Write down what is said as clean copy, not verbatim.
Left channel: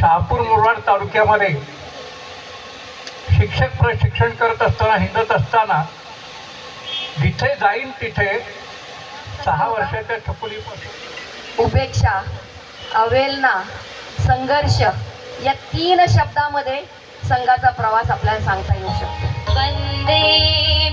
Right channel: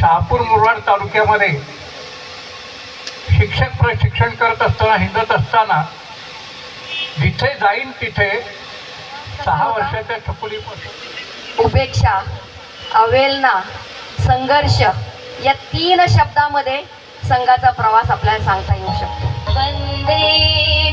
शहापूर मुरबाड तालुक्यामध्ये शिक्षक प्रशिक्षण करत असताना हिंडत असताना जिथे जाईन तिथे 6 वर्षाच्या छकुलीपासून उपेक्षा, अवेलना, संघर्ष या 3 शब्दामध्ये संघाचा प्रवास आपल्याला सांगता येऊ शकतो. वंदे